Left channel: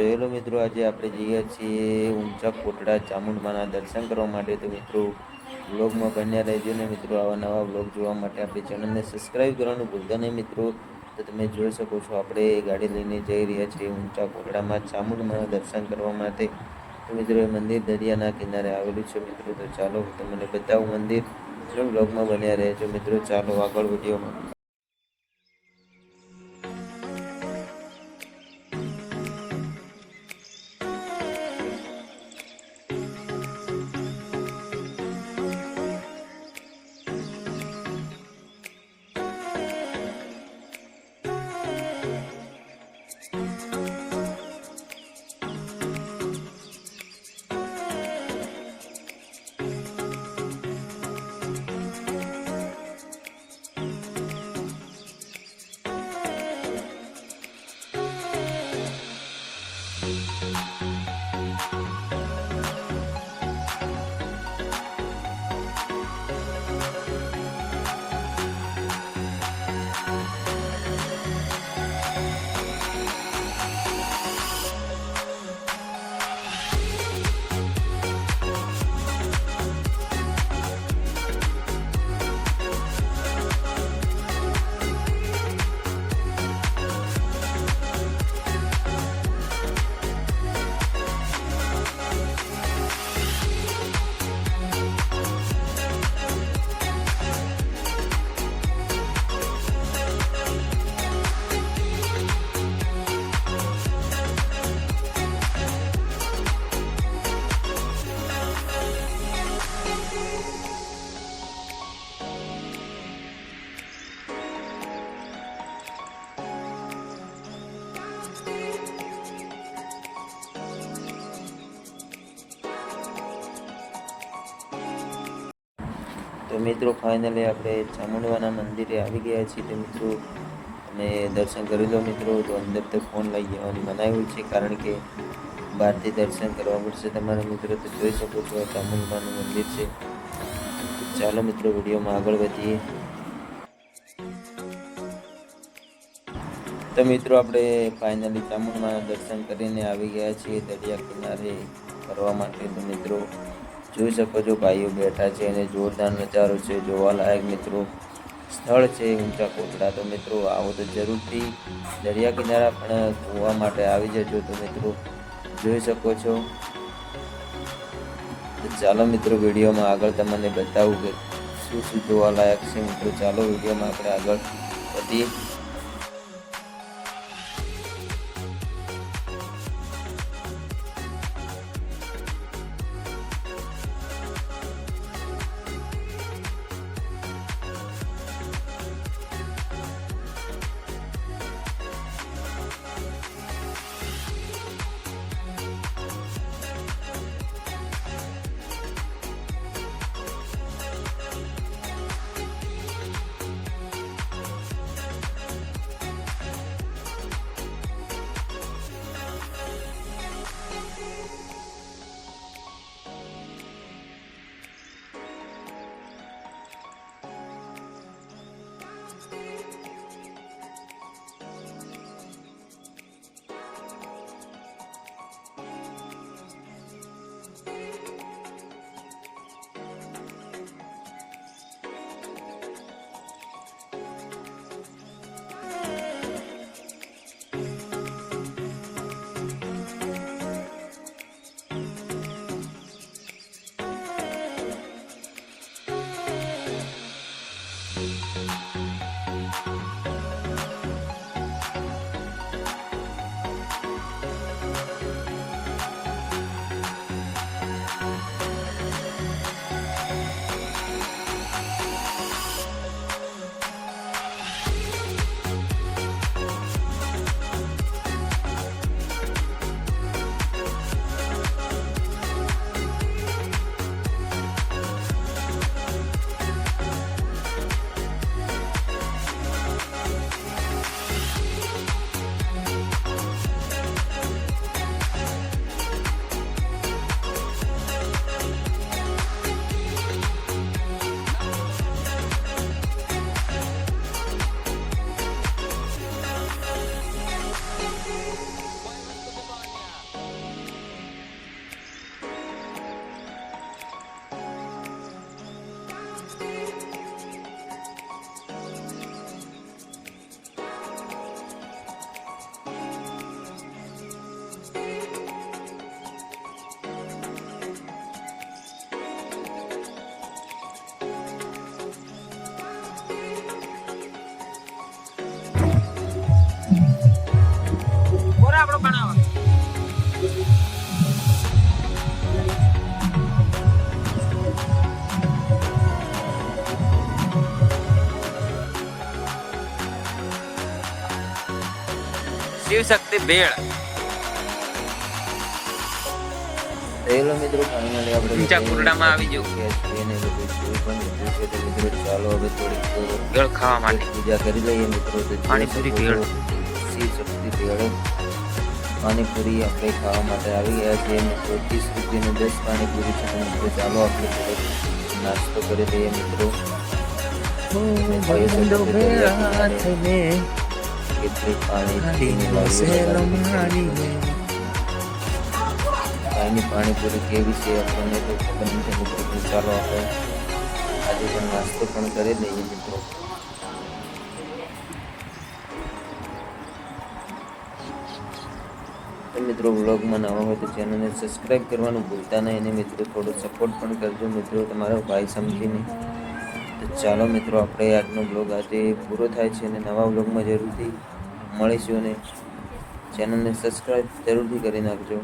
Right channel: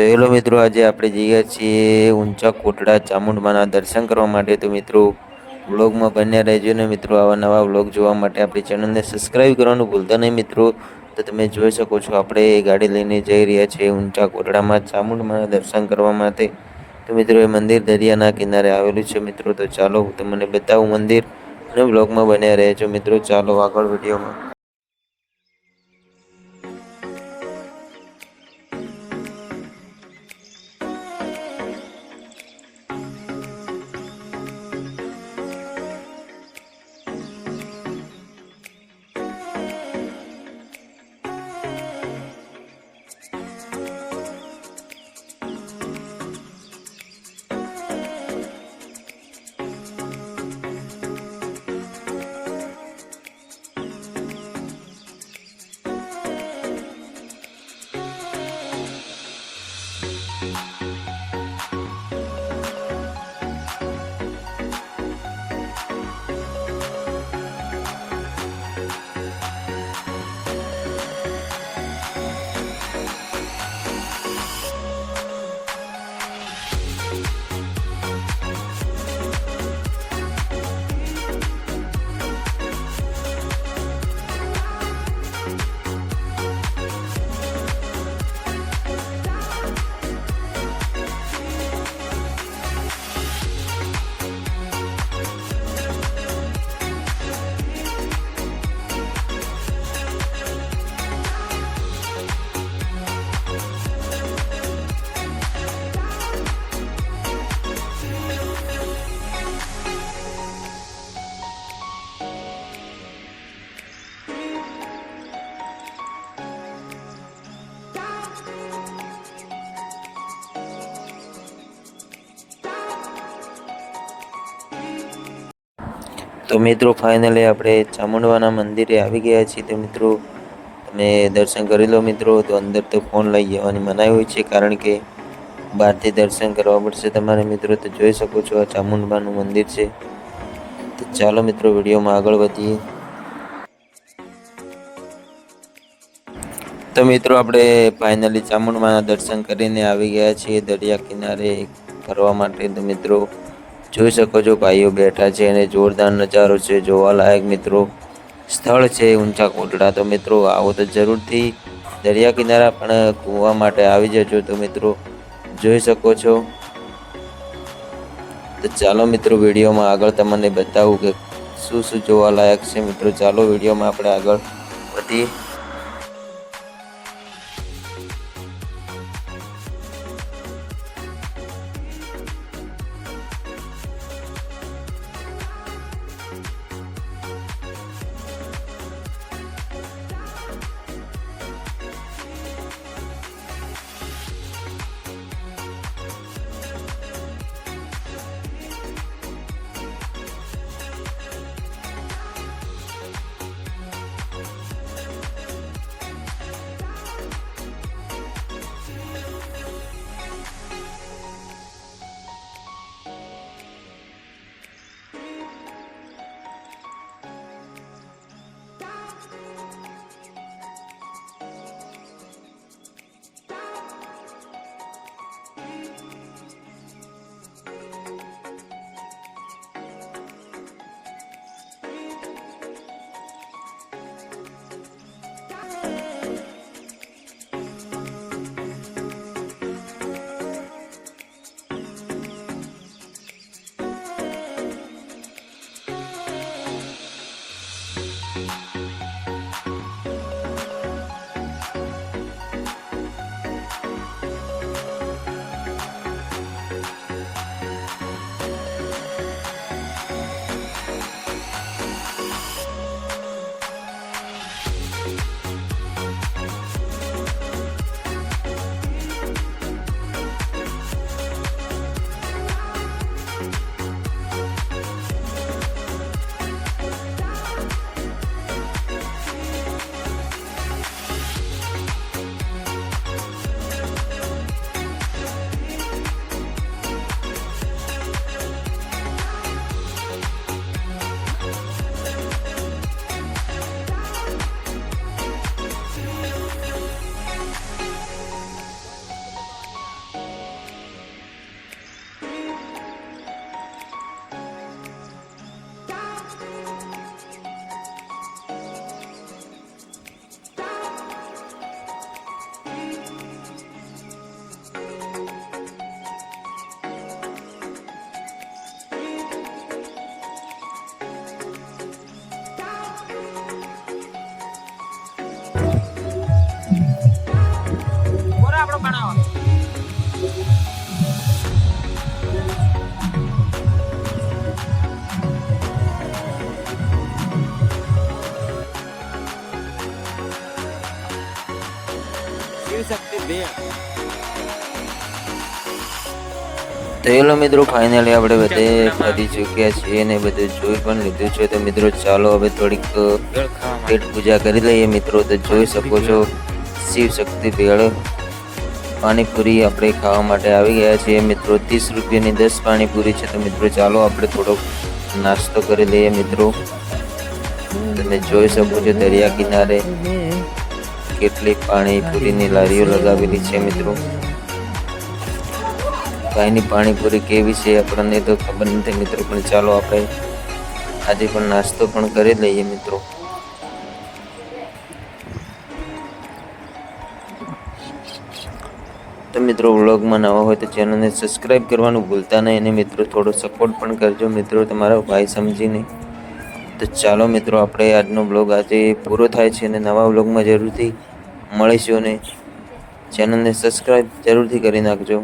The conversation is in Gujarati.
તો હેલો મિત્રો, આજે આપણે જઈએ છીએ ઊંચા કોટડા ચામુંડમાના દર્શન કરવા માટે। તો મિત્રો વ્લોગમાં બન્યા રહેજો ને મિત્રો, આવા નવા વ્લોગ જોવા માટે આપણી ચેનલને સબસ્ક્રાઈબ કરવાનું ભૂલતા નહીં મિત્રો। તો તમે જોઈ શકો છો, આપણે ગાડી લઈને જઈ રહ્યા છીએ ઊંચા કોટડામાં ચામુંડમાના દર્શન કરવા માટે। તો મિત્રો એ મંદિર દરિયાના કિનારે આવેલું છે મિત્રો। તો ચાલો હું તમને બતાવું મંદિર અને વ્લોગમાં બન્યા રહેજો મિત્રો। ચાલો આગળ વિડીયોમાં। તો મિત્રો ફાઇનલી આપણે ચામુંડવાના મંદિરે આવી ગયા છીએ। તો મિત્રો તમે દર્શન કરી લો મિત્રો। તો અંદર તો ફોન લઈ જવાની મનાઈ હોય છે, કારણ કે બહારથી દર્શન કરવા પડશે તમારે મિત્રો। તો જોઈ શકો છો આ ચામુંડમાનું મંદિર છે। તો ચાલો મિત્રો વિડીયોમાં આગળ વધીએ। તો મિત્રો આપણે ફાઇનલી ચામુંડમાના દર્શન કરીને આવી ગયા છીએ દરિયા કિનારે ફરવા માટે। તો મિત્રો જોઈ શકો છો ભાઈઓ બેઠા છે અને જોરદાર નજારો છે, જોવાલાયક મિત્રો સ્થળ છે ઊંચા કોટડા। તો મિત્રો આવો તો જરૂરથી દરિયા કિનારા પણ કૂવા માટે આવી જજો। તો મિત્રો જોઈ શકો છો। તો ચાલો મિત્રો વિડીયોમાં આગળ તમને બતાવું કે શું શું જોવાલાયક છે મિત્રો। ચાલો વિડીયોમાં આપણે આગળ વધીએ। ભેળ. તો એલો મિત્રો ફાઇનલી આપણે ઊંચા બધે કુંડામાં પહોંચી આવી ગયું. ચૂક્યા છીએ અને બધું જોઈ પણ લીધું છે. તો મિત્રો ચાલો હવે થોડીક ભેળ ખાવા પેટ માટે પૂજા કરી લઈએ મિત્રો. તો જોઈ શકો પાણીપુરી છો ભેળ. શિવ શક્તિ ભેળ પાણીપુરી આપણે ખાવા માટે આવી ગયા છીએ મિત્રો. 30 રૂપિયાની 10 પાણીપુરી છે. તો મિત્રો ચાલો આપણે થોડોક નાસ્તો કરી લઈએ મિત્રો. તમે જોઈ શકો છો દરિયા કિનારે કેટલી પાણીપુરીની લારીઓ લગાવેલી છે મિત્રો. કાયની પાણીપુરી કેવી છે આપણને તો ખબર નથી મિત્રો, પણ ચાલો આપણે આજે પણ નાસ્તો પણ કરી લઈએ મિત્રો. તો મિત્રો વ્લોગમાં નવા હોય તો ચેનલને સબસ્ક્રાઈબ કરવાનું ભૂલતા નહીં અને મિત્રો થોડો સપોર્ટ પણ કરજો મિત્રો, તમારા ભાઈ સમજીને. તો ચાલો મિત્રો આપણે આજનો બ્લોગ આજે પૂરો થાય છે અને નવા બ્લોગમાં જરૂરથી મળીશું અને ચેનલને સબસ્ક્રાઈબ જરૂરથી કરી નાખજો.